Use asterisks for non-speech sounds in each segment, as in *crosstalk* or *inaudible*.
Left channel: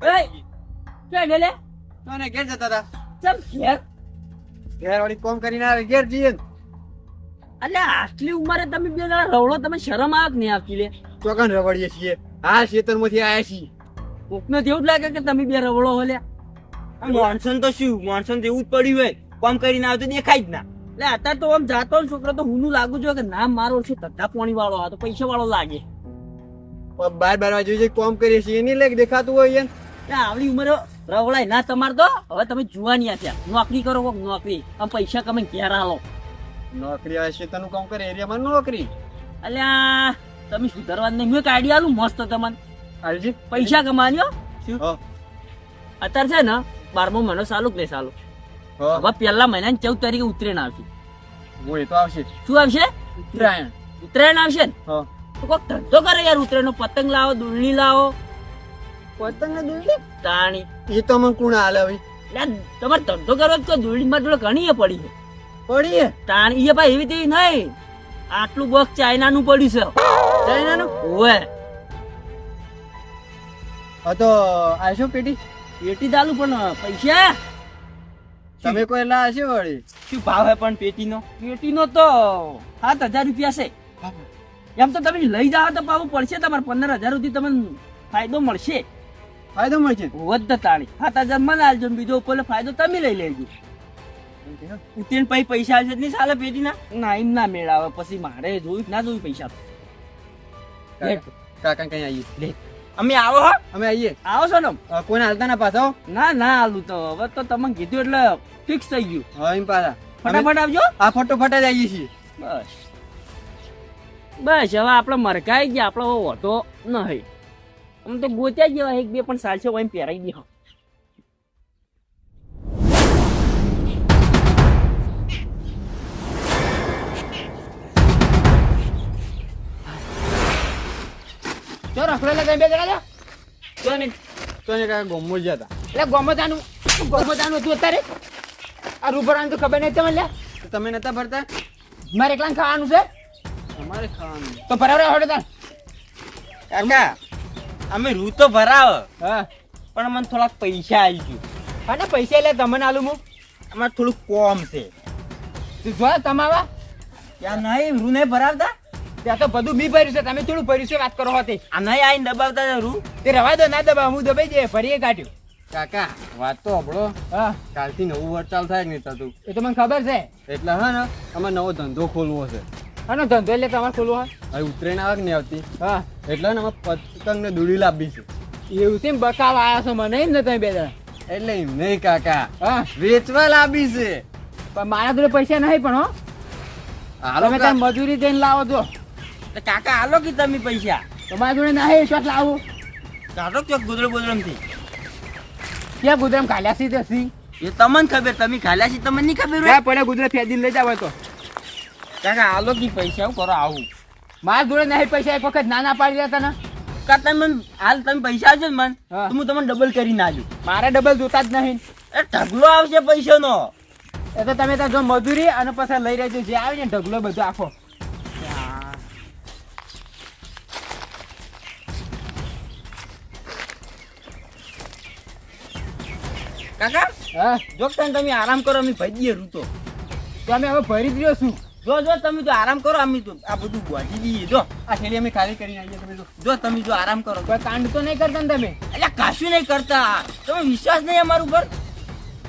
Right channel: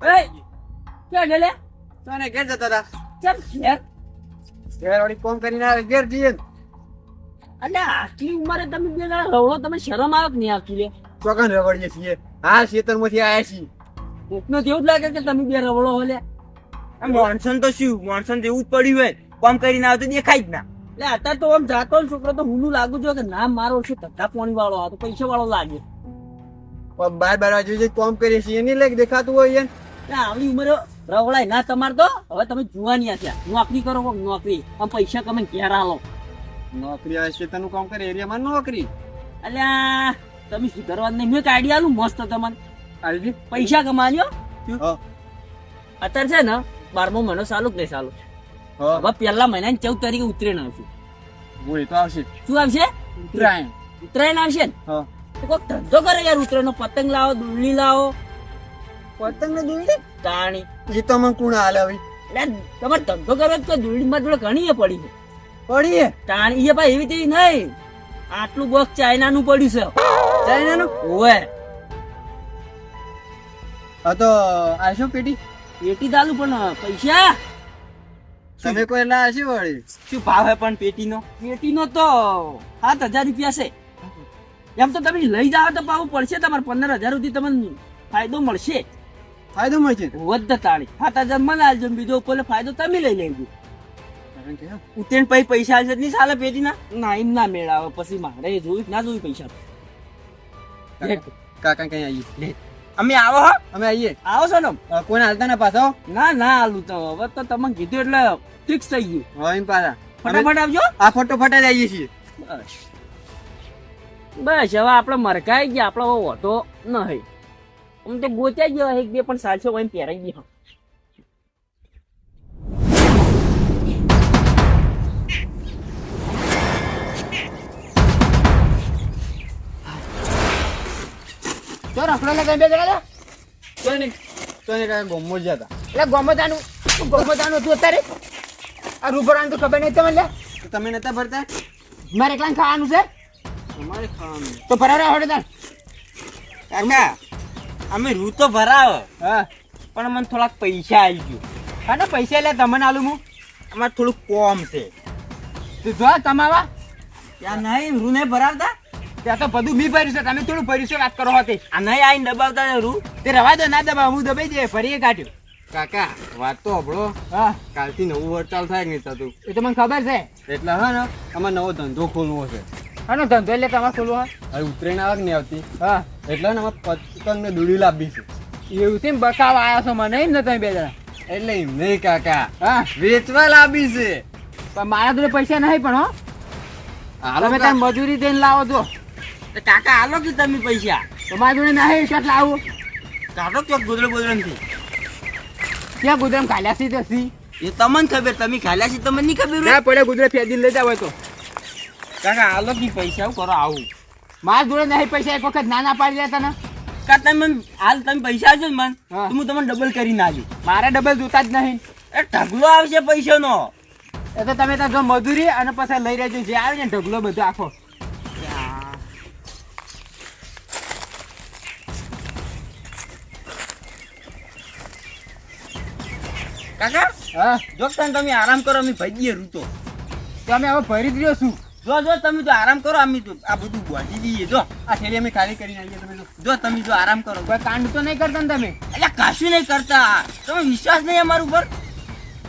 હો. એય! તને ઘેર જતા હતા ચમ ઘેર? ઘેર વાળી ફોન કરીને આવે ઘેર જઈએ ને. અલ્યા આટલી ઉંમરે તમે બે જણા રવડો તમે શરમ આવે કે નહીં આવતી લે? ચોકન રવડીએ છીએ. હા ખેતરમાંથી આયા છીએ. કોકનો તો જ લાગે કે તમે બે રવડો હો લે. મોનસન તો શું? મોનસૂન જેવું જ પડ્યું હોય. કોમ કરીને આવે તો દેખાય જ ના. એટલે અત્યારે તો આમ જાતો ને છોકરો તો હું લાગુ છું કે નામ મારો છે ધંધા પાણી વાળો આ તો પૈસા વાળો લાગે બાર બાર જે કામ કરીએ છીએ એની લાગ દેખાતું હોય યાર આવડી ઉંમરે રવડાય ના તમાર તો હવે તમે જુવાની થયા નોકરી કરો કોક નોકરી. આમ પૈસા કમાઈને ઘેર આલો નોકરી આવે ખેતરનું કામ કરે? એરિયામાં નોકરી? અલ્યા તમે સુધારવા નહીં. મેં આઈડિયા આલું મસ્ત તમને. આલજી પૈસા કમાન્યો હા. અત્યારે છે ને બારમો મહિનો ચાલુ કે નહીં ચાલુ? હવે પહેલા મહિનાની ચૌદ તારીખે ઉત્તરાયણ આવશે. તો આવશે શું આવશે? ઉત્તરાયણ. ઉત્તરાયણ આવશે ને? તો કોક ધંધો કરે યાર ઉત્તરાયણ પતંગ લાવો દુલની લાવો. પતંગ દોડી તાણી. એ તો મને કોણ હાલે એટલે તમારે ધંધો કરવા તો દુલની માં જોડે ઘણી પડી છે. પડીએ? તાણી એ ભાઈ એવી તેવી નહીં. આટલું બોક્સ ચાઇના નું પડ્યું છે. ચાઇના નું હા તો આશો પેટી? પેટી ચાલુ પણ પૈસા? તમે કોઈ લાવશે વળી? શું ભાવ હે પણ પેટીનો? પેટીનો તો સાત હજાર રૂપિયા છે. એમ તો તમે લઈ જાઓ તો પાવું પડશે તમારે પંદર હજાર સુધી તમને ફાયદો મળશે. ફાયદો મળશે વધ તાણી. હજાર મને આલજો બીજો કોઈ ફાયદો તમે લઈ લેજો. ઉત્તીર્ણ પછી પૈસા આવશે નહીં ચાલે પેટી ના? ના એમ ના મેળાવે. પછી મારે જોયું ના જોયું પૈસા. લે, કાકા કઈ આવીએ અમે આવો હો. અમે આવીએ આવો છો ને કોઈને હાલતા ના પાછો ના ના હાલું તો. હવે તો તમે કીધું એટલે ફિક્સ થઈ ગયું. હવે એમ પાછા. ફટાફટ આવજો. આ ફોટો ફટા જ આવીએ છીએ. બસ. બસ હવે આપણે મરકાઈ ગયા. આપણો ઓટો નહીં. આમ તો ગોત્યા જેવા એક બે પણ સાલસો એમ પહેરાઈ દે તો રખડો ને કઈ બે જણા તો નહીં તો ને કાકા ગોમો જ હતા એટલે ગોમતાનું ગોમતાનું હતું અત્યારે. આ રૂબરાનું તો ખબર નહીં તમને. તમે નતા ભરતા? મારે એકલા ખાવાનું છે? અમારે ખાવાનું. તો ફરારે હોડે તાર કાકા અમે રૂ તો ભરાવ. હા. પણ મને થોડાક પૈસા આલજો. અને પૈસા એટલે તમને આલું હું. અમારે થોડુંક કોમ છે. તું જો તમારા? ત્યાં નહીં રૂ નહીં ભરાવતા? ત્યાં તો બધું બી ભર્યું છે. તમે થોડું ભર્યું છે વાત કરો હતી. આ નહીં આવીને દબાવતા ને રૂ? તે રવા દો ના દબાવ હું દબાઈ જઈએ ફરીએ કાઢ્યું કાકા વાત તો હબળો હા. કાલથી નવું વર્ષ થાય કે નહીં થતું? એ તો મને ખબર છે. એટલે હા ને અમારે નવો ધંધો ખોલવો છે. અને ધંધો એટલે તમારે ખોલવો હવે ઉતરેણ આવે કે નહીં આવતી? હા. એટલે ને અમારે પતંગ ને દોડી લાવવી છે. એવું છે બકાવ આવ્યા છો મને એમ ને તમે બે જણા. એટલે એમ નહીં કાકા. હા. વેચવા લાવી છે. પણ મારા જોડે પૈસા નહીં પણ હો. હાલો તમે તાર મજૂરી દઈને લાવો છો તો કાકા આલો કે તમે પૈસા? તો મારા જોડે નહીં ક્યાંક લાવો? કાઢો ક્યાંક ગોદડો બોદડમથી ક્યાં ગુદરમ ખાલ્યા છે એ તમને ખબર તમે ખાલ્યા છે તમને નહીં ખબર પડે ગુદરે ફેદી લઈ જાવ તો. કાકા આલો કે પૈસા કરો આવું. મારા જોડે નહીં પૈસા એક વખત ના ના પાડી દેતા ને. કા તમે હાલ તમે પૈસા આવજો ને મન. તો હું તમને ડબલ કરીને આલી મારે ડબલ જોતા જ નહીં. એ ઢગલો આવશે પૈસાનો. એ તો તમે ત્યાં જો મજૂરી અને પછી લઈ રહેજો. જે આવે ને ઢગલો બધો આખો. કાકા હા. જો તમે આરામ કરો અમે ભાગીએ રૂતો. તો અમે હવે ભરી જ રહ્યો છું. જો જો તમે તો આરામ કરો અમે તો આ બધું ગોઠી દઈએ જો આ શેરી અમે ખાલી કરીને આવીએ તમે જો. તમે જો આરામ કરો. કોઈ કાંડ તો નહીં કરતા ને તમે? એટલે કશું નહીં કરતા. તમે વિશ્વાસ નહીં અમારા ઉપર?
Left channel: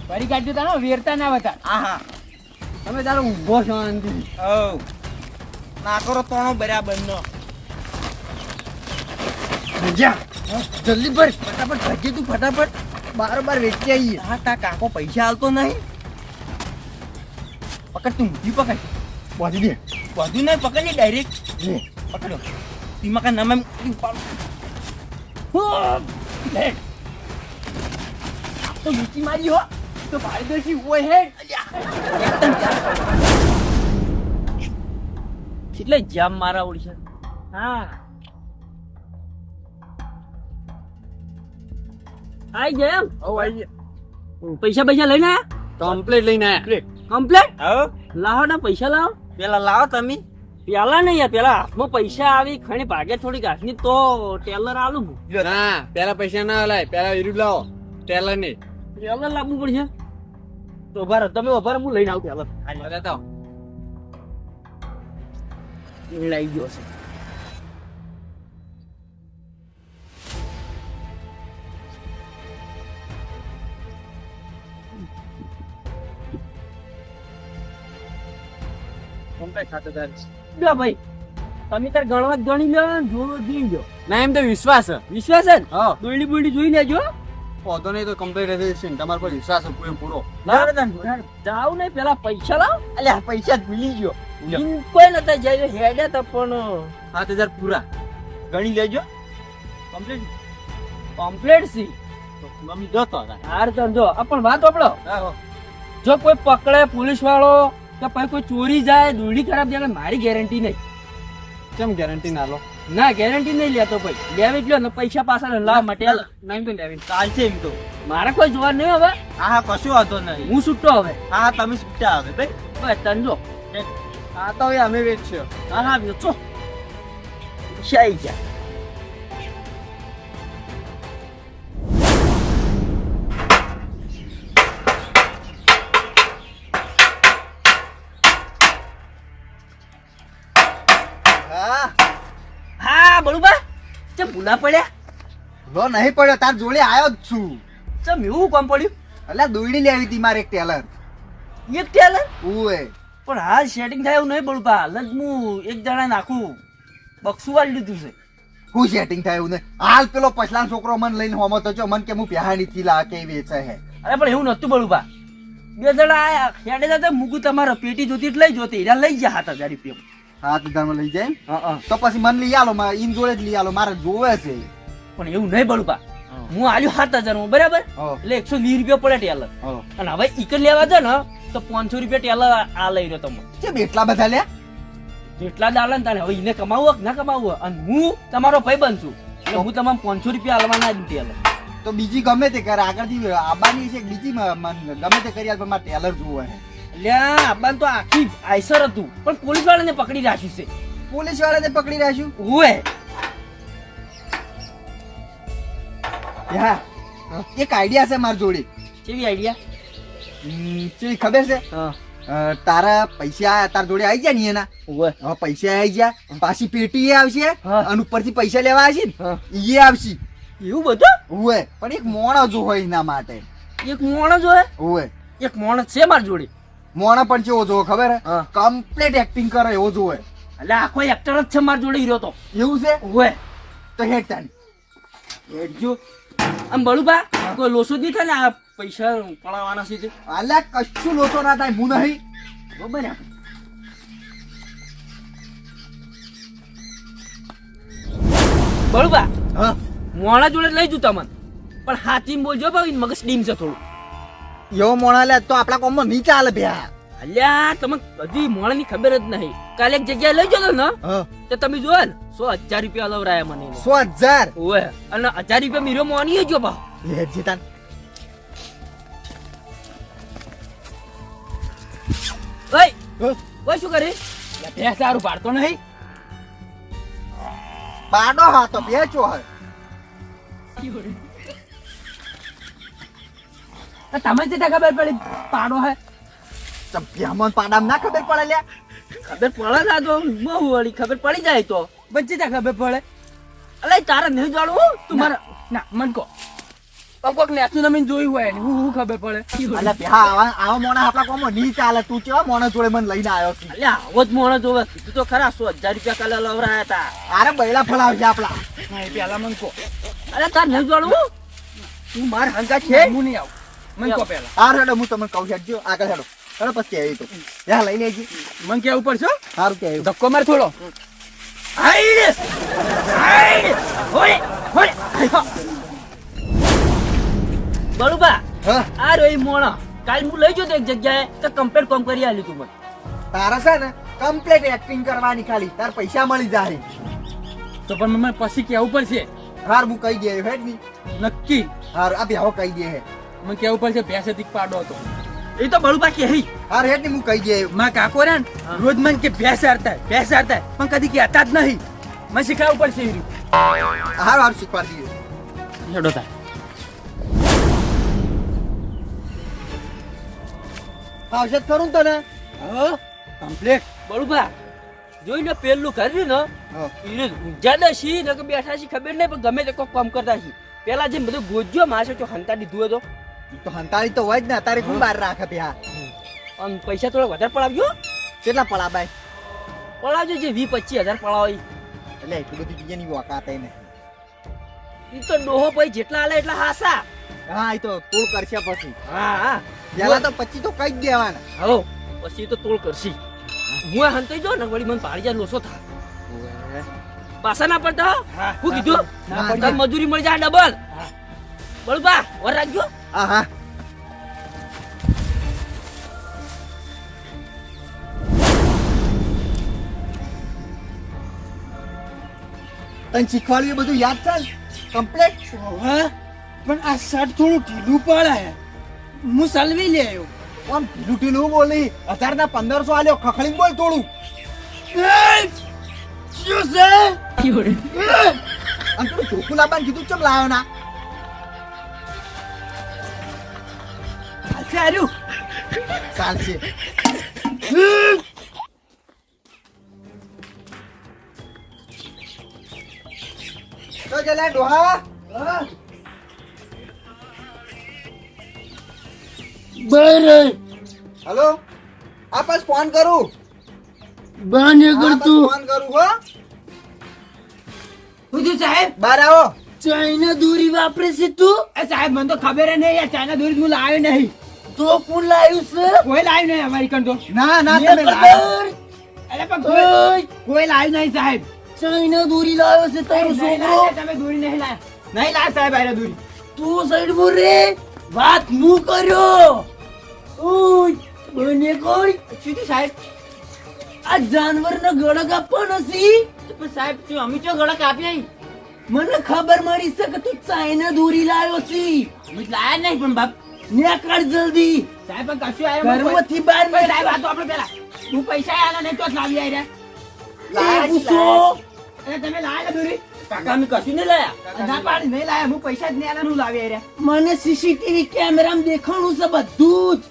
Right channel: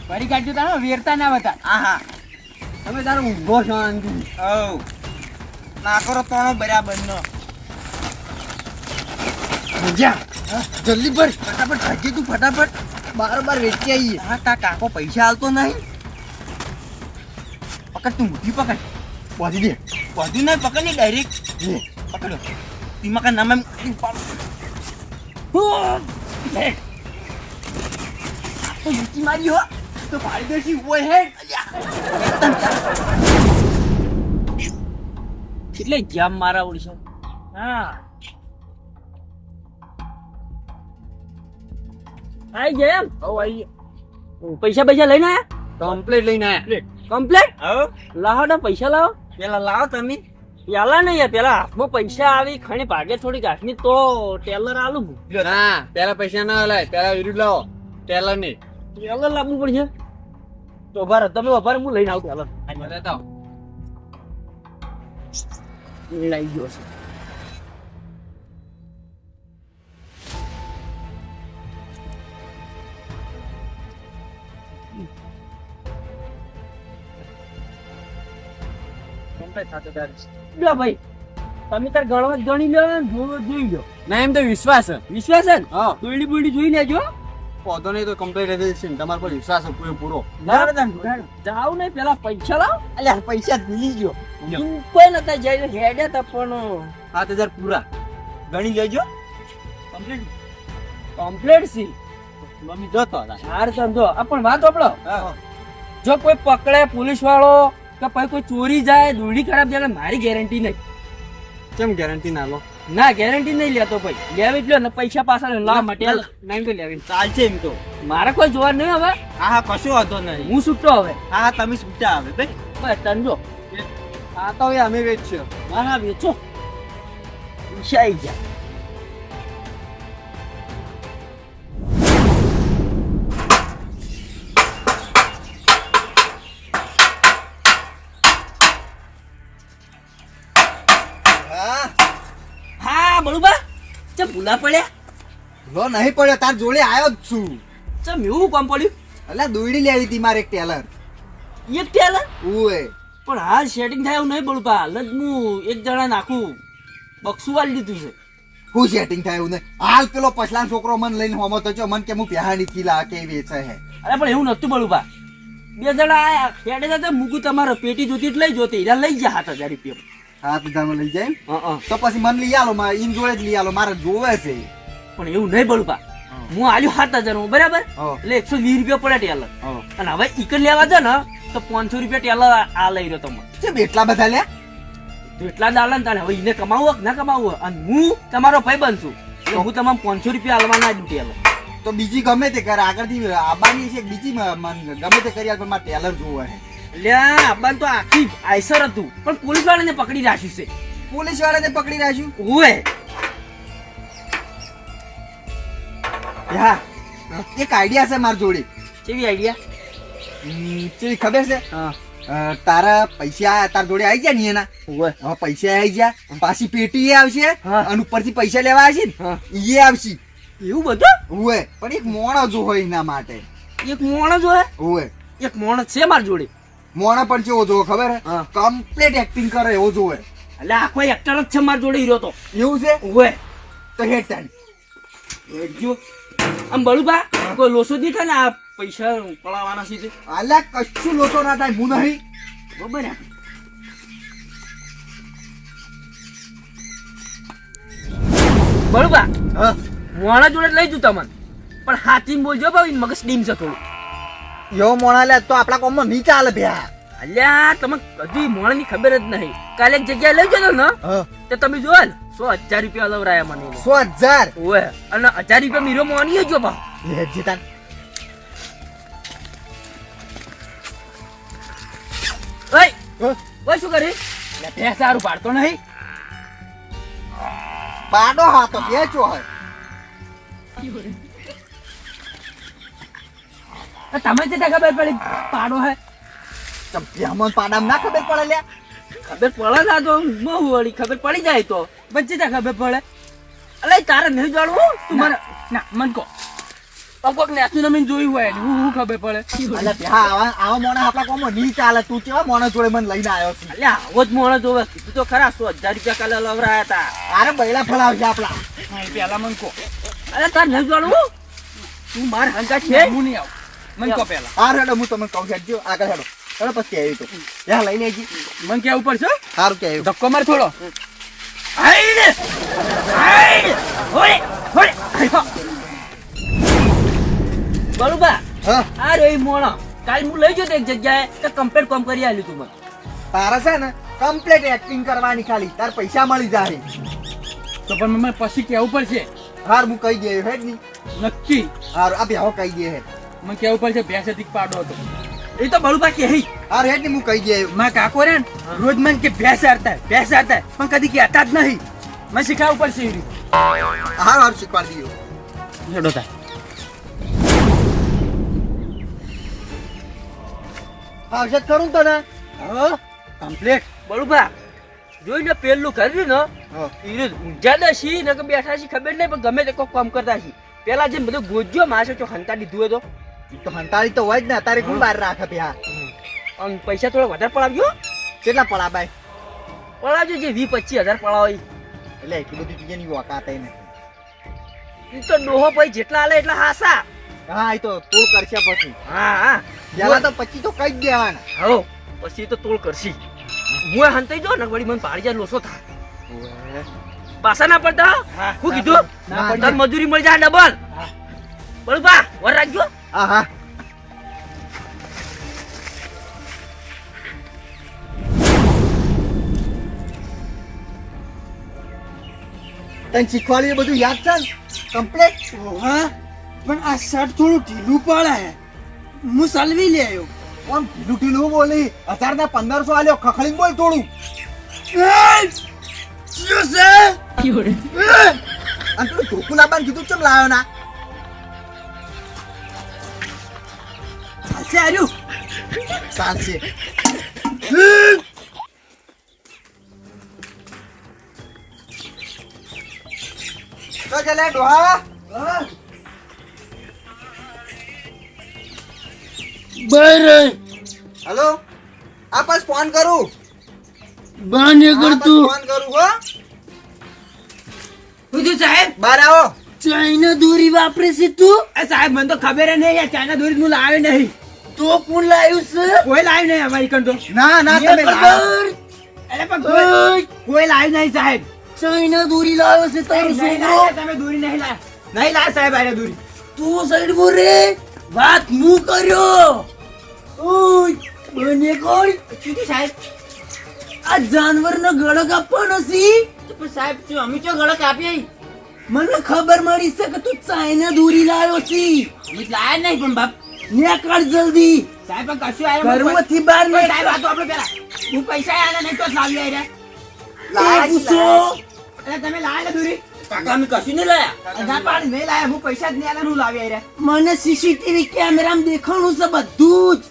ફરી કાઢજો તારો વેરતા ના બતા હા હા. તમે તારો ઊંઘો છો હવ. ના કરો તોણો બરાબર નો. જલ્દી ભર. ફટાફટ ભાગી તું ફટાફટ. બાર બાર વેચી આવીએ. હા કાકો પૈસા હાલતો નહીં? પકડ તું ઊંઘી પકડ. પહોંચી દે બધું નહીં પકડ નહીં ડાયરેક્ટ લે. પકડો તીમાં કા નામ ઉપાડો લે. તો લૂંટી મારી હો તો પાડી દેસી ઓય હેડ એટલે જામ મારા ઓડિશા હા આઈ ગયા એમ હવ આવીએ પૈસા પૈસા લઈને કમ્પ્લીટ લઈને આયા કમ્પ્લેટ હવ લાવો ને પૈસા લાવો પેલા લાવો તમે. પેલા નહીં પેલા હાથમાં પૈસા આવી ખણી ભાગે થોડી ઘાસની તો ટેલર આલું ના પેલા પૈસા ના લાય પેલા વિરુદ્ધ લાવો ટેલર નહીં. ટેલર લાવવું પડશે. તો ઊભા તમે ઊભા હું લઈને આવું ટેલર. લઈ ગયો છે. લો ભાઈ તમે તાર ગણવા જ ગણી લો ને જોઈ લો ના એમ તો વિશ્વાસ છે. વિશ્વાસ ને? હા. દોડી બોડી જોઈ લેજો. પોતો નહીં તો કમ્પ્લીટ છે તમારા પર વિશ્વાસ પૂરો પૂરો જાવ નહીં પેલા પૈસા લાવ. અલ્યા પૈસા ભૂલી ગયો. કોઈ નતા જઈને હેડે તો પણ. સાત હજાર પૂરા. ગણી લેજો. કમ્પ્લીટ કમ્પ્લીટ સી મમ્મી જોતો હાર ધંધો. પણ વાત આપડો. જો કોઈ પકડે પોલીસ વાળો કે પછી કોઈ ચોરી જાય દોડી ખરાબ જાય મારી ગેરંટી નહીં. કેમ ગેરંટી ના લો? ના ગેરંટી નહીં લેતો ભાઈ લેવી જ લ્યો ને પૈસા પાછા લા માટે નહીં તો લેવી ચાલશે એમ તો. મારે કોઈ જોવા નહીં હવે. હા હા કશું વાંધો નહીં. હું છૂટતો હવે. હા હા તમે છૂટા આવે ભાઈ. બસ તંજો હા તો હવે અમે વેચ્યો હા હા વેચો. પૈસા આવી જાય ભૂલા પડ્યા? લો નહીં પડ્યો તાર જોડે આવ્યો જ છું. ચમ એવું કામ પડ્યું? એટલે દોડી લેવી હતી મારે એક ટેલર. એક ટેલર? ઉએ પણ હાલ સેટિંગ થાય એવું નહીં હાલ જ હું એક જણા નાખું. બક્ષું વાળી દીધું છે. હું સેટિંગ થાય એવું નહીં. હાલ પેલો પછલાનો છોકરો મને લઈને હોમો તો મન મને કે હું પહેરાણી થી લા કે વેચે હે અરે પણ એવું નતું બળુબા બે જણા આયા. ખેડે જતા મૂકું તમારો. પેટી જોતી એટલે લઈ જોતી. લઈ ગયા હતા હજાર રૂપિયા. હા લઈ જાય. તો પછી મને લઈ આલો ઇન જોડે જ લઈ આલો મારે જોવે છે. પણ એવું નહીં બળુબા હું. આલ્યો સાત હજાર બરાબર? એટલે એકસો વીસ રૂપિયા પડે ટેલર. અને હવે ઈકર લેવા છે ને તો પાંચસો રૂપિયા ટેલર આ- લઈ રહ્યો તમે ચેમ એટલા બધા લે? જેટલા દાડા ને તાણે. હવે એને કમાવું કે ના કમાવું અને હું તમારો ભાઈ બનશું એટલે હું તમામ પાંચસો રૂપિયા આલવાના જ ટેલર. તો બીજી ગમે તે કરે. આગળથી આબાની છે બીજી ગમે તે કરી આલ પણ મારે ટેલર જોવે હે. આ તો આખી આઈસર હતું. પણ પોલીસ વાળાને પકડી રાખ્યું છે. પોલીસ વાળાને પકડી રાખ્યું? ઓએ હા એક આઈડિયા છે મારી જોડે. કેવી આઈડિયા કેવી ખબર છે? તારા પૈસા તાર જોડે આવી ગયા ને એના? હવે પૈસા આવી ગયા પાછી પેટી એ આવશે. અને ઉપરથી પૈસા લેવા આવશે ને એ આવશે. એવું બધું? હોય પણ એક મોણો જો હોય એના માટે. એક મોણસ હોય? હોય એક મોણસ છે મારી જોડે. મોણો પણ કેવો જોવો ખબર હે? કમ્પ્લીટ એક્ટિંગ કરે એવો જોવે એટલે આખો એક્ટર જ છે મારા જોડે હીરો તો. એવું છે? હોય તો હેડ તારી જો આમ બળુબા કોઈ લોસો દી થાય ને આ પૈસા પડાવવાના છે તે. અલ્યા કશું લોસો ના થાય હું નહીં. બરોબર ને? બળુબા હા. મોણા જોડે લઈ જુ તમને. પણ હાથી બોલજો ભાઈ મગજ ડીમ છે થોડું. એવો મોણા લે તો આપણા કોમમાં નહીં ચાલે ભ્યા. અલ્યા તમે હજી ની ખબર જ નહીં. કાલે એક જગ્યાએ લઈ જજો ને તો તમે જોવો ને સો હજાર રૂપિયા લવરાયા મને સો હજાર? ઓએ અને હજાર રૂપિયા મીરો મોની જો બા. હેડ જે તાન ઓય ઓય શું કરી? ભેંસ સારું પાડતો નહીં. પાડો હા તો બેચો હોય તમે જે ખબર પડી. પાડો હે. તો ભ્યામાં ના ખબર પડે લ્યા. ખબર પડે ના તો બહુ વળી ખબર પડી જાય તો. વચ્ચે ત્યાં ખબર પડે. અલે તારે નહીં જાણવું? તું મારે ના મન કહો. કોક નેતું નમીન જોયું હોય ને હું હું ખબર પડે? અલે હા આવા આવા મોણા આપણા કોમમાં નહીં ચાલે. તું કેવા મોણા જોડે મને લઈને આવ્યો છે? અલે આવો જ મોણા જોવે. તું તો ખરા સો હજાર રૂપિયા કાલે લવરાયા હતા. અરે બૈડા ફલાવશે આપણા. પેલા મન કહો. અલે તાર નહીં જાણવું? તું માર હંગા છે હું નહીં આવું. મન કહો પેલા. હા હેડો હું તમને કહું હેડજો આગળ હેડો. હેડો પછી આવી તો. યા લઈને લેજી મન ઉપર છો? સારું કે આવ્યું? ધક્કો માર થોડો. બળુબા હા? આ રોઈ મોણો. કાલ હું લઈ જતો એક જગ્યાએ તો કમ્પ્લેટ કોમ કરી આલ્યું તું મને. તારા છે ને કમ્પ્લેટ એક્ટિંગ કરવાની ખાલી. તાર પૈસા મળી જાય તો પણ મને પછી કેવું પડશે. હાર હું કહી દે હેડની નક્કી. હાર આ બેહો કહી દે હેડ. મને કેવું પડશે ભેંસ અધિક પાડો હતો. એ તો બળુબા કે હઈ આ રેટની હું કહી દે. માં કાકો રે રોજ મન કે ભેંસ હારતા ભેંસ હારતા પણ કદી કહેતા જ નહીં. મને ઉપર પડશે એ. હાર હાર શીખવાડી દઈએ. હેડો તાર. આવશે ખરું તને? હો કમ્પ્લીટ બળુબા જોઈને પેલું કર્યું ને. ઈ ઊંઝાના છી ને કે બેઠા છી ખબર નહીં પણ ગમે તે કોઈ કામ કરતા છી પેલા જે બધું ગોજ્યો માસે તો હંતા દીધું હતો તો હંતાળી તો હોય જ ને અત્યારે કોણ બહાર રાખે ભ્યા અને પૈસા થોડા વધારે પડાવજો કેટલા પડા ભાઈ? પડાવજો જે વી પચીસ હજાર પડાવો એટલે એટલું બધું બીજાની વાકાત ઈ તો ડોહો પછી જેટલા આલે એટલા હાસા. હા એ તો તોડ કરશે પછી. હા હા. પેલા તો પછી તો કઈ જ દેવાના. હો પછી તો તોડ કરશી. હું હંતાઈ જો ને વળી મને પાડી જાય લોસો થાય. પાછા ના પડતા હું? કીધું? મજૂરી મળી જાય ડબલ. બળુબા વર રાખજો હા હા તને શીખવાડ્યું એ બધું યાદ છે કમ્પ્લેટ હા પણ આ શર્ટ થોડું ઢીલું પડે હું સલવી લે આવ્યો આમ ઢીલું ઢીલું બોલી હજાર ના પંદરસો આલ્યો ખખડી બોલ થોડું અને તું ચોખ્ખું લાવવાનું કીધું ચમ લાવ્યો ના ચાલશે હાર્યું ચાલશે. તો ચલે ડોહા? હેલો? આ પાસ ફોન કરું. બાને કરતું ફોન કરું હો. બીજું સાહેબ? બહાર આવો. ચાઇના દોરી વાપરે છે તું? એ સાહેબ મને તો ખબર નહીં ચાઇના દોરી હું લાવ્યો નહીં. તો કોણ લાવ્યું છે? કોઈ લાવ્યું નહીં અમારી કંડો. ના ના તમે અરે પણ કોઈ કોઈ લાવ્યું નહીં સાહેબ. ચાઇના દોરી લાવ્યો છે તારો છોકરો. તમે દોરી નહીં લાવ્યા નહીં લાવ સાહેબ આરે દોરી. તું સાઈડ બોલ રે વાત હું કર્યો. ઓય બને કોણ? શું સાહેબ? આ જાનવરનો ગળો કાપવાનો સી પણ સાહેબ શું અમે ચો ગળો કાપી મને ખબર મળી છે કે તું ચાઇના દોરી લાવ્યો છે. લાયા નહીં પણ બાપ. નીકળ જલ્દી. સાહેબ કશું આવ્યો ઘરમાંથી બહાર નહીં સાહેબ આ તો આપણે પેલા હું પૈસા આયા નહીં તો લાવી આવ્યા લાયા છે, પૂછો અરે તમે લાલ દુરી. કાકા મેં કશું નહીં લાયા? ના પાડી નહીં લાયા હું પૈસા જ નહીં આલ્યા હું લાવી આવ્યા મને સીસીટીવી કેમેરામાં દેખાણું છે બધું જ.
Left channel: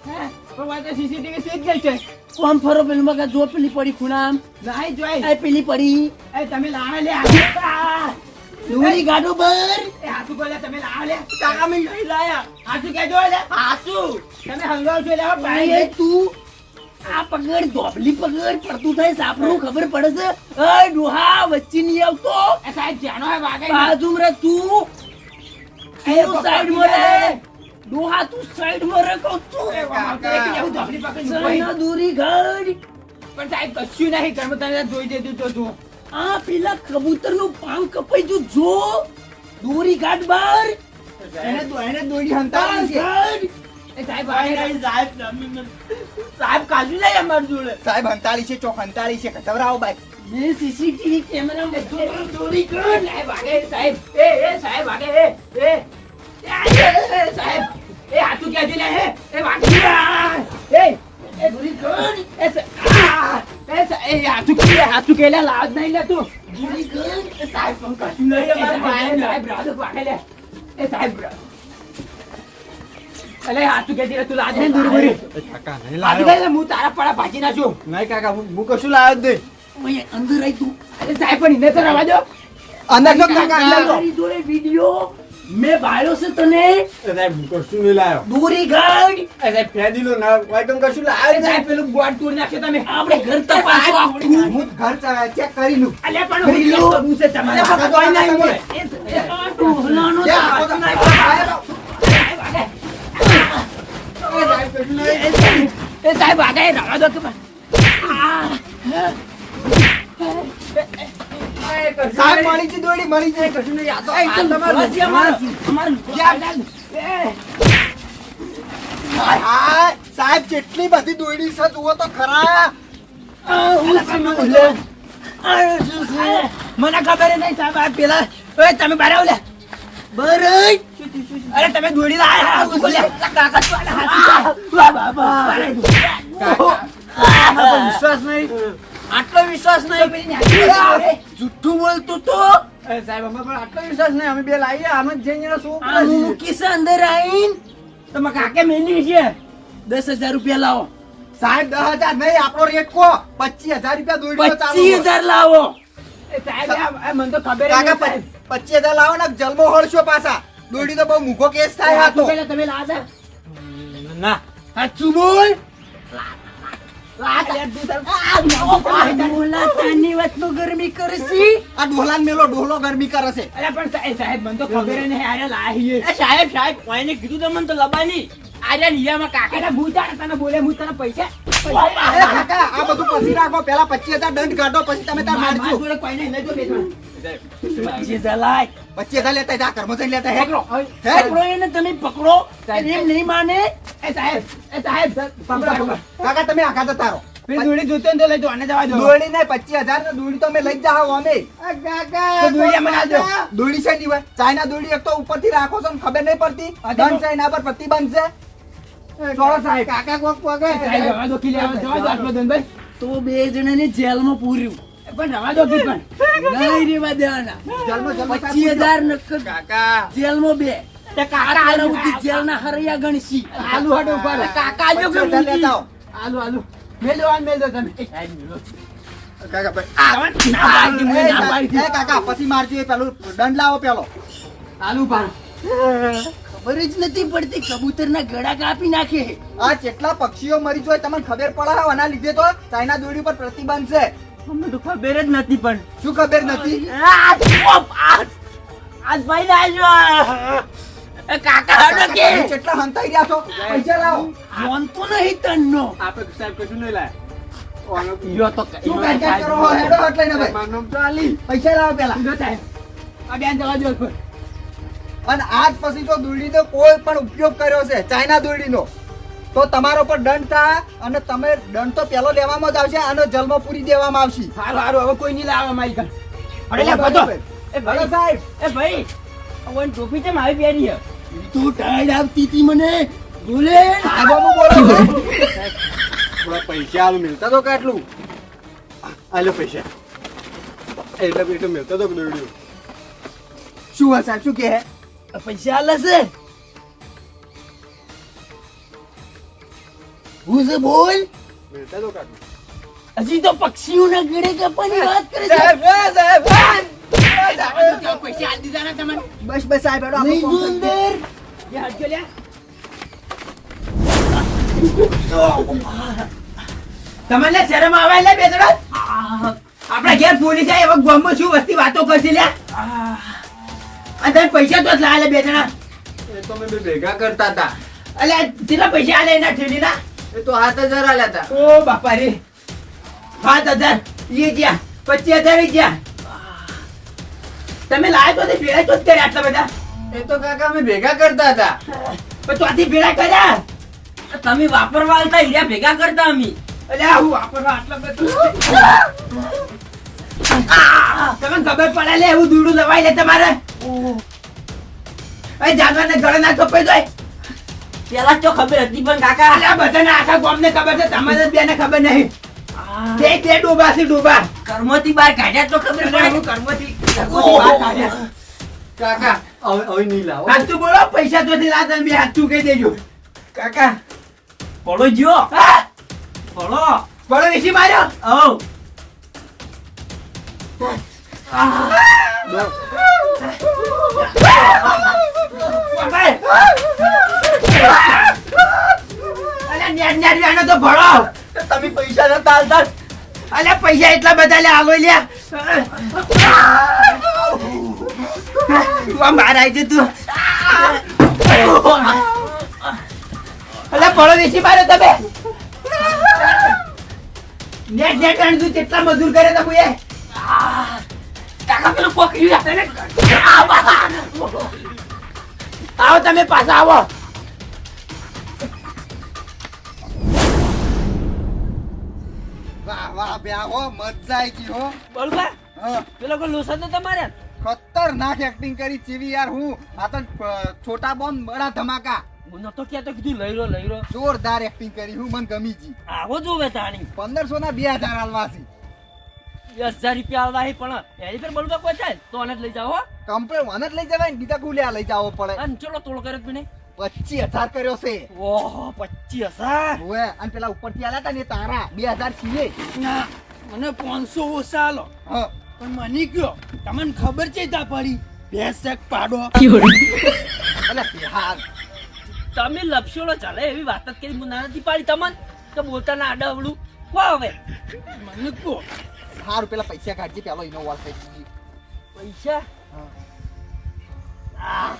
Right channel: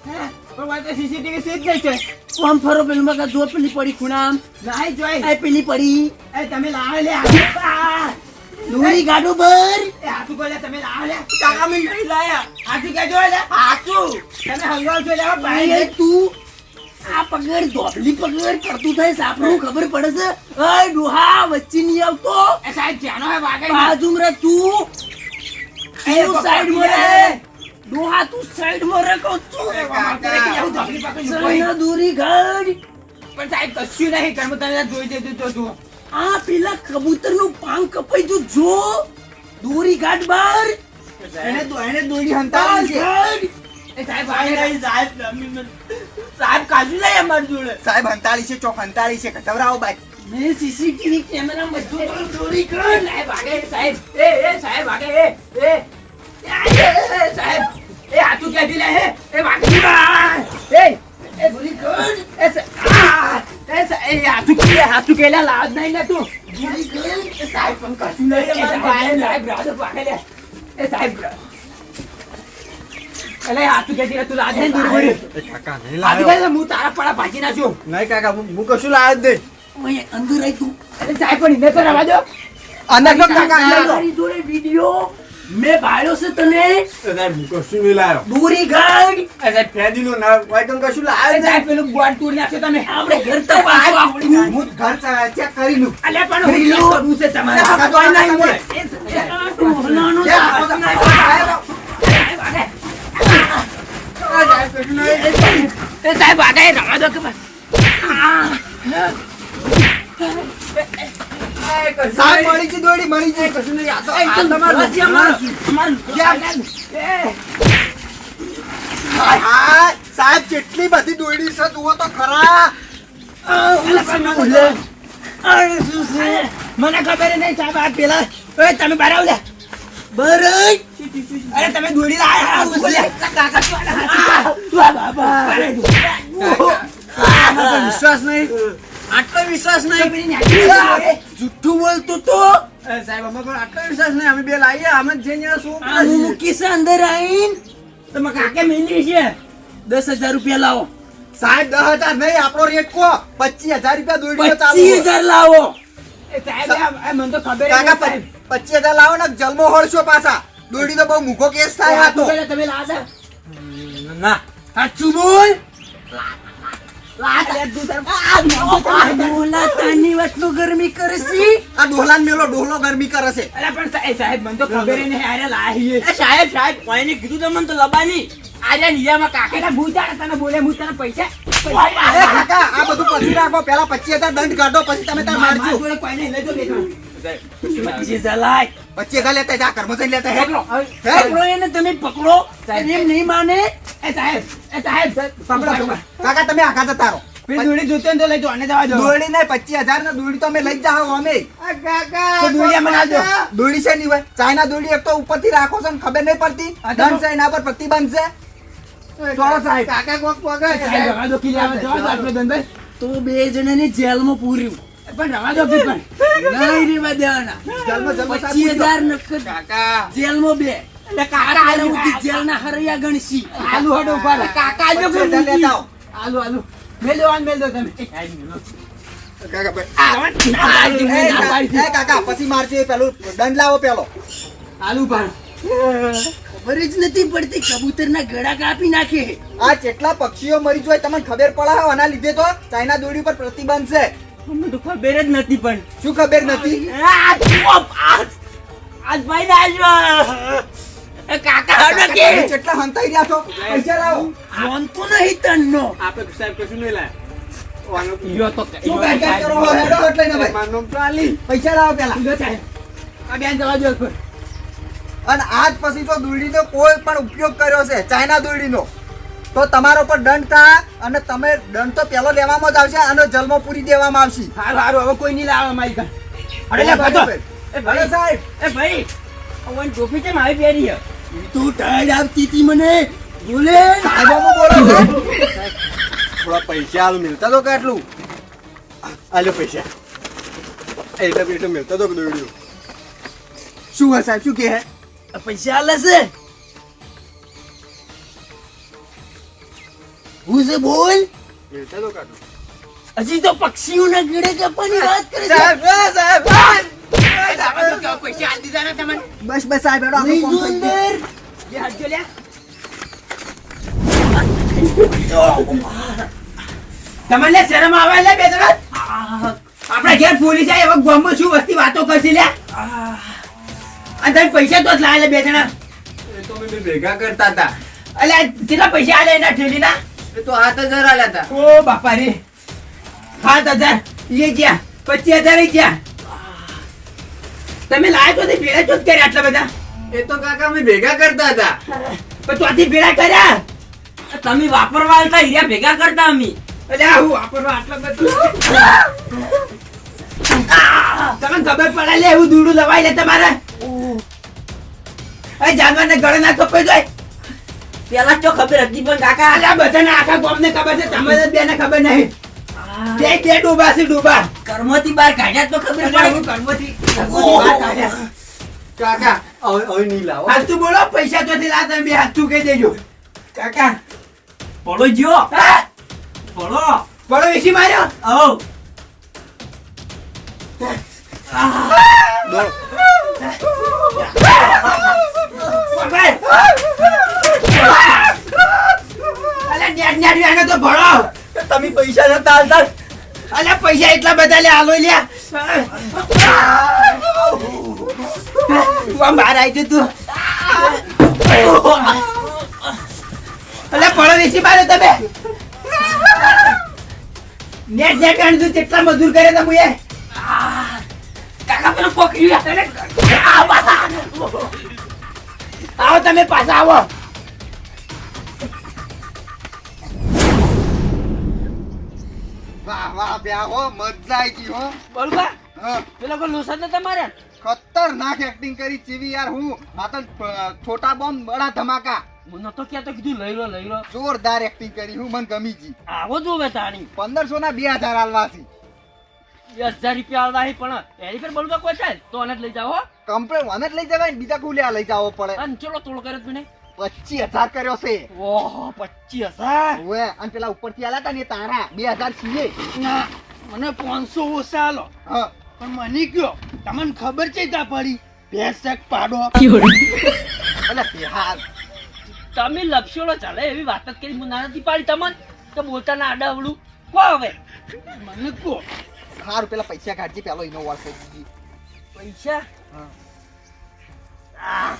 પણ વાત સીસીટીવી સીધ ગઈ છે. આમ ફરો પેલું મગા જો પેલી પડી ખૂણામ. નહીં જોઈ પેલી પડી. એ તમે લાવે લે આ! દોરી બર એ હાથું બોલે તમે લાવે લે. કાકા મે લાયા. કે જો લે હાથું. તમે હંગાવ છો લે ભાઈ. તું આ પગડ ધોબલી પગડ કરતું થાય સાપનું ખબર પડે છે. એ ડોહા વચ્ચે નહીં આવતો. એ સાહેબ જાનો હે વાગે બાજુ રે તું. એ સાઈડમાં રે ડોહા તું સાઈડમાં રે કહું તું સાઈડ દૂરી ઘર પણ સાહેબ કશું નહીં. કર્મ તમે જોઈ દેતું તો તું. આ પેલા કબૂતરનું પાંખ કપાઈ તું જો દોરી ગાઢ બાર. એને તો એને દોરી હંતા છે. સાહેબ સાહેબ કાજુ લઈ અમાર જોડે. સાહેબ હંતાળી છે ચોક હંતાળી છે કટવરાવો ભાઈ મેં સીસીટીવી કેમેરા બધું દોરી કર સાહેબ આગે સાહેબ. એ એ સાહેબ આગે એ એ. એ, એ, સાહેબ. એ હાથું ક્યાંથી લે હે? એ વાગી. એ એ ચોરી કર એ આ, ભાજી નાખ્યો નહીં કાકા હું કશું લાવ્યો જ નહીં. અંદર રહી તું. અરે સાહેબ પણ એને તો રવા દો. અંદર કાકા જોડે વિડિયો મેં ભાળ્યો છે તને કશું નહીં લાયો દૂરી ગઈ સાહેબ ફેદીનો ના હોય તો કશું અરે સાહેબ પેલું ગોળ તોડી નાખ્યો તમે આપણે ઘર તો નહીં હું ઘર ચેક કરી લઉં અલે પણ વિડિયો કરવું છે તમારે અરે કોઈ નહીં મળે. એ- ટોહલાનો આપો નહીં. એ સાહેબ આગળ રવા દો કે બસ. સાહેબ મળી છે દોડી મળી છે કશું નહીં આ તો આ તમારું બસ, અમારું. અમારું. એ, આ સાહેબ કેટલી બધી દોડી છે જુઓ તો ખરા? મને ખબર નહીં સાહેબ આ પેલા તમે બહાર આવ લે. અરે તમે દોડી લાયા કાકા બાબા. વિશ્વાસ નહીં? આટલો વિશ્વાસ નહીં. જુઠ્ઠું બોલતો તો? સાહેબ અમે પણ આટલો વિશ્વાસ નહીં. અમે બે લાવીએ આમ જ જઈને શું હું મૂકીશ અંદર આવીને? તમે કાકે મેલી છે? દસ હજાર રૂપિયા લાવો. સાહેબ દસ હજાર નહીં આપણો રેટ કો પચીસ હજાર રૂપિયા ચાલુ પચીસ હજાર લાવો. મને તો ખબર. પચીસ હજાર લાવો ને જલમો હળશો પાછા. દોડી તો બહુ મૂકો કેસ થાય તમે લાવો. ના. સાચું બોલ. ગરમી કરશી આ ડોહલાન મેલો ડોહલો ગરમી કરે અરે પણ સાહેબ સાહેબ મને તો ખબર નહીં આરે લાહીએ. સાહેબ સાહેબ કોઈને કીધું તો મને તો લબાની. આજે નિયામાં કાકા. ભૂતાડે તને બોલે હું તને પૈસા કાકા આ બધું પછી રાખો. પેલા પચીસ હજાર દંડ કાઢો પછી તમે ત્યાં મારજો. જોડે કોઈ નહીં લઈ જો બેઠા. પચીસ હજાર લાય. પચીસ હજાર લેતા જા કર્મચારી લેતા હેકલો પકડો. એને તમે પકડો. એમ નહીં માને. એ સાહેબ એ સાહેબ. કાકા તમે આખા જતા રહો દોડી જોતો તો લઈ જો જવા દો. દોડી ને પચીસ હજાર ને દોડી તો અમે લઈ અમે. દોડી. દોડી છે નહીં હોય ચાઇના દોડી એક તો ઉપરથી રાખો છો ખબર નહીં પડતી. દંડ છે એના પર પ્રતિબંધ છે. સાહેબ. કાકા કોક ધંધો તો બે જણાને જેલમાં પૂર્યું. પણ રવા દો કી પણ. નહીં રેવા દેવાના. જલમાં જલમાં પચીસ હજાર નકદ કાકા. જેલમાં બે. કાકા આલુ કે જેલના હરૈયા ગણસી આલુ હડો ઉપર કાકા આલુ કે લેતા આલુ આલુ. મેલ દો મેલ તમે. કાકા ભાઈ. આવા ના પાડી એ, ના પાડી એ કાકા પછી મારજો પેલું દંડ લાવો પેલો. આલુ પાડ ખબર જ નથી પડતી કબૂતર ના ગળા કાપી નાખે. આ કેટલા પક્ષીઓ મરી જોય તમને ખબર પડાવો આના લીધે તો ચાઇના દોડી ઉપર પ્રતિબંધ છે. અમને તો ખબર જ નથી પણ. શું ખબર નથી? આજ ભાઈ ના આવ્યો. કાકા હડો કે. કેટલા હંતાઈ રહ્યા છો? પૈસા લાવો. જોનતો નહીં તન્નો. આપણે સાહેબ કશું નહીં લાયા. યો તો શું કાકા કરો? હેડો હટ લઈને ભાઈ. મારું તો આલી. પૈસા લાવો પેલા. યો સાહેબ આ બેન જવા દો અને આજ પછી તો દોડીનો કોઈ પણ ઉપયોગ કર્યો છે. ચાઇના દોડીનો તો તમારો પર દંડ થાય અને તમે દંડ તો પેલો લેવામાં જ આવશે અને જલમાં પૂરી દેવામાં આવશે. સારું સારું હવે કોઈ નહીં લાવવા મારી ઘર. અરે એ ભાઈ સાહેબ. એ ભાઈ ઓન ટોપી છે મારી પહેરી છે? તું ટાઈડ આવતી હતી મને. બોલે. સાહેબો બોલો. *laughs* થોડા પૈસા આલ મિલતા તો કેટલું આલો પૈસા. એટલે એટલે મિલતા તો દોડ્યું શું હે સાહેબ શું કે હે? પૈસા આલે છે? હું છે બોલ? હજી તો પક્ષીઓના ગીડે જપવાની વાત કરે છે. સાહેબ સાહેબ પૈસા આલી દીધા ને તમને? બસ બસ સાહેબ હેડો આપણે જો. અંદર બે હાથ લે તમને શરમ આવે લે બે જણા? આપણા ઘેર પોલીસ આવે એવા ગામમાં શું વસ્તી વાતો કરશે લે અને તમે પૈસા તો જ લાયા લે બે જણા. એ તો મેં બે ભેગા કરતા હતા. અલ્યા કેટલા પૈસા આલે એના ઠેલીના? એ તો હાથ હજાર આલ્યા હતા. ઓ બાપા રે સાત હજાર એ ગયા. પચીસ હજાર એ ગયા. તમે લાયા તો તે જ કર્યા આટલા બધા. એ તો કાકા અમે ભેગા કરતા હતા. પણ ત્યાંથી ભેળા કર્યા? તમે વાપરવા આવતા હીરા ભેગા કરતા અમે. અલ્યા હું વાપરવા આટલા બધું તમે ખબર પડે લે એવું દૂડું લવાય લે તમારે. જાનવર ને ગળે ના કપાઈ જાય. પેલા તો ખબર હતી પણ કાકા અલ્યા બધાને આખા ગામને ખબર છે તમને બેને ખબર નહીં તે તે ડોબા છે ડોબા કર્મોથી બહાર કાઢ્યા તો ખબર હું પડે કર્મથી કાઢ્યા. કાકા હવે હવે નહીં લાવો હાથ તું બોલો પૈસા તો થી લાતા બે હાથ તું કહી દેજો કાકા પડો જ્યો હા? પડો બળો એસી માર્યો આવો પકડ. અલ્યા નેટ નેટ આનો તો ભળો તમે પૈસા નતા આલતા પૈસા એટલા બધા લે આલો લ્યા. બહાર આવી જા તું. અલ્યા પડો વેચી મારે તમે. નેટ નેટ તું કેટલા મજૂર કરે તમે એ કાકા પેલું પકડ્યું આવો તમે પાછા આવો. વાહ વાહ હો મજા આવી ગઈ હો. બોલબા હા. પેલો કોઈ લોસા તો તમારે? ખતરનાક એક્ટિંગ કરી ચીવી યાર હું. આ તો છોટા બોમ્બ બડા ધમાકા. હું નતો તો કીધું લઈ લો લઈ લો. જોરદાર એક્ટિંગ કરી હું મને ગમી જી આવો જોવે તાણી. પંદરસો ના બે હજાર આલવાથી. દસ હજાર રૂપિયા આવવા પણ એની પર બોલવા કોઈ ચાલ તો લઈ લઈ જાઓ. કમ્પ્લેટ જ લઈ જવાય બીજા કુલ્યા લઈ જાવો પડે. અને ચલો તોડ કરે તું ને પચીસ હજાર કર્યો છે. ઓહો પચીસ હજાર? ઓવે અને પેલા ઉપરથી આલ્યા હતા ને તારા બે હજાર છીએ. ના મને પાંચસો ઓછા આલો. હા. પણ મને કયો તમને ખબર છે તા પડી? ભેસક પાડો. અલા બિહાર. તમે લપસોડો ચાલે એવી વાત જ કરી હું ના નથી પાડી તમને. તો બોલતા ના આડા કો હવે? મને કો. સારું પેલા પૈસા કાઢજે પેલો એનો વાર પૈસા? આ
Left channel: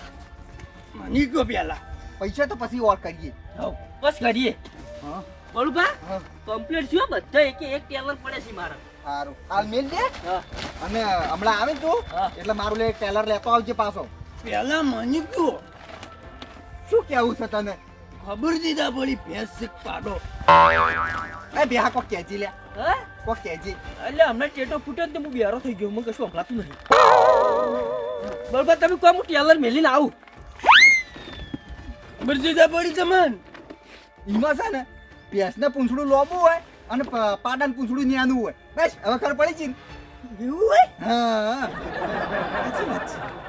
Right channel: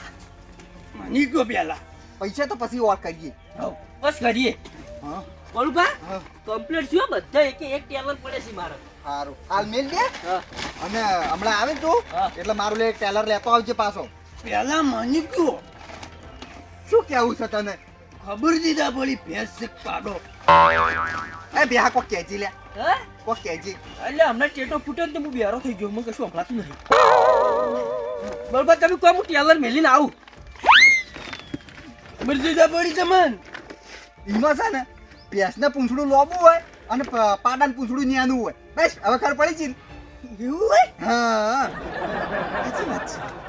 મને કયો પેલા. પૈસા તો પછી ઓર કરીએ. હઉ, બસ કરીએ. હા. બોલું બા કમ્પ્લીટ થયો બધા એક એક ટેલર પડે છે મારા. સારું હાલ મેલ દે. હા. અને હમણાં આવે તો એટલે મારું લે ટેલર લેતો આવજે પાછો. પેલા મને કયો શું કેવું છે તને? ખબર દીધા પડી ભેંસ પાડો. એ બેહા કોક કેજી લે. હે? કોક કેજી એટલે હમણાં ટેટો ફૂટે તો હું બેરો થઈ ગયો મને કશું સંભળાતું નહીં બરોબર તમે કહો હું ટેલર મેલીને આવું. ખબર દીધા પડી તમને? એમાં છે ને ભેંસને પૂંછડું લોબું હોય અને પાડાને પૂંછડું ન્યાનું હોય. બસ હવે ખબર પડી છે એવું હોય? હા. સાચી વાત છે.